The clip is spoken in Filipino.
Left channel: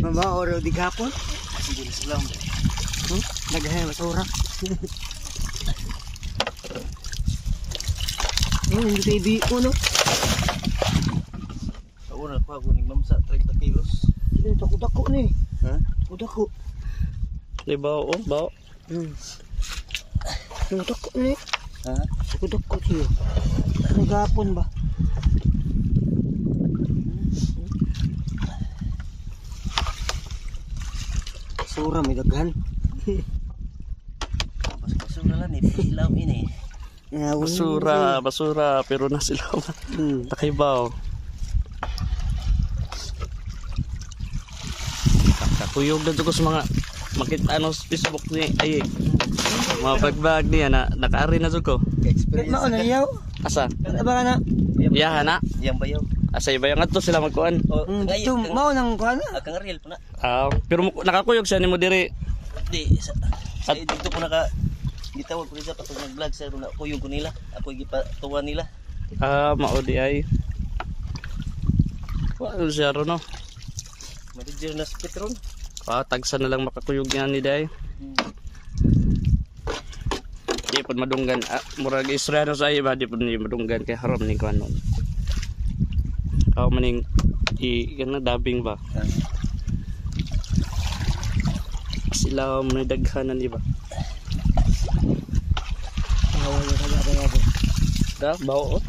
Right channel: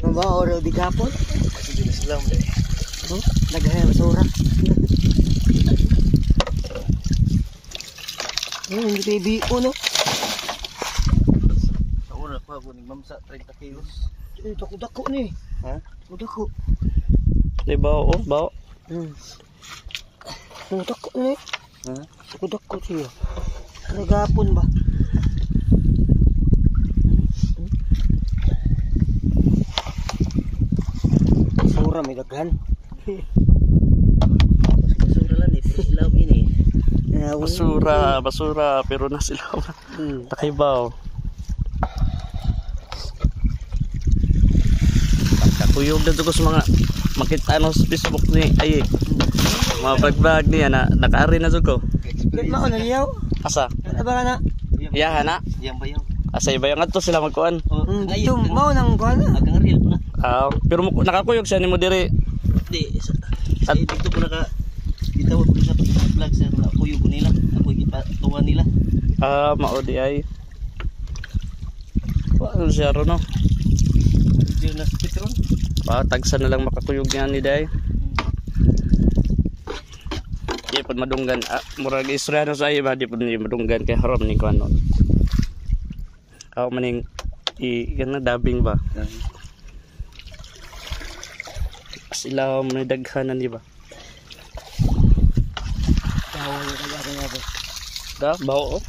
Mama oro di kapon. Sige salam deh. Naghay basura. Hindi TV uno. Ora pa ako nigmamsa 30 kilos. Ito ko dako ni. Ha? Dako. Di bao oh, bao. Dako ni. Ha? Dako siya. Nagapon ba? Basura may daghan. Basura lang ilaw ini. Basura pero nasilaw na. Takay bao. Kakuyog na ko sa mga makita ano sa Facebook ni ay mga bag niya na nakaari na ko. Mao na liyaw. Asa? Aba na. Iya na. Yang bayaw. Asa ibayang adto sila magkuan. Dito mao nang kuan. Agang real na. Pero nakakuyog siya nimo diri. Di sa dito ko kita mo bisa ko sa vlog sa na kuyog ko nila. Ako ipatuwa nila. Mao di ay. Ano siya ro no? Diyan na sa Petron. Tagsa na lang makakuyog nga ni day. Di pud madunggan murag isra na sa iba di pud madunggan kay haram ning kuan non. Maning kana dabing ba? Sila man daghanan di ba? Da bao oh.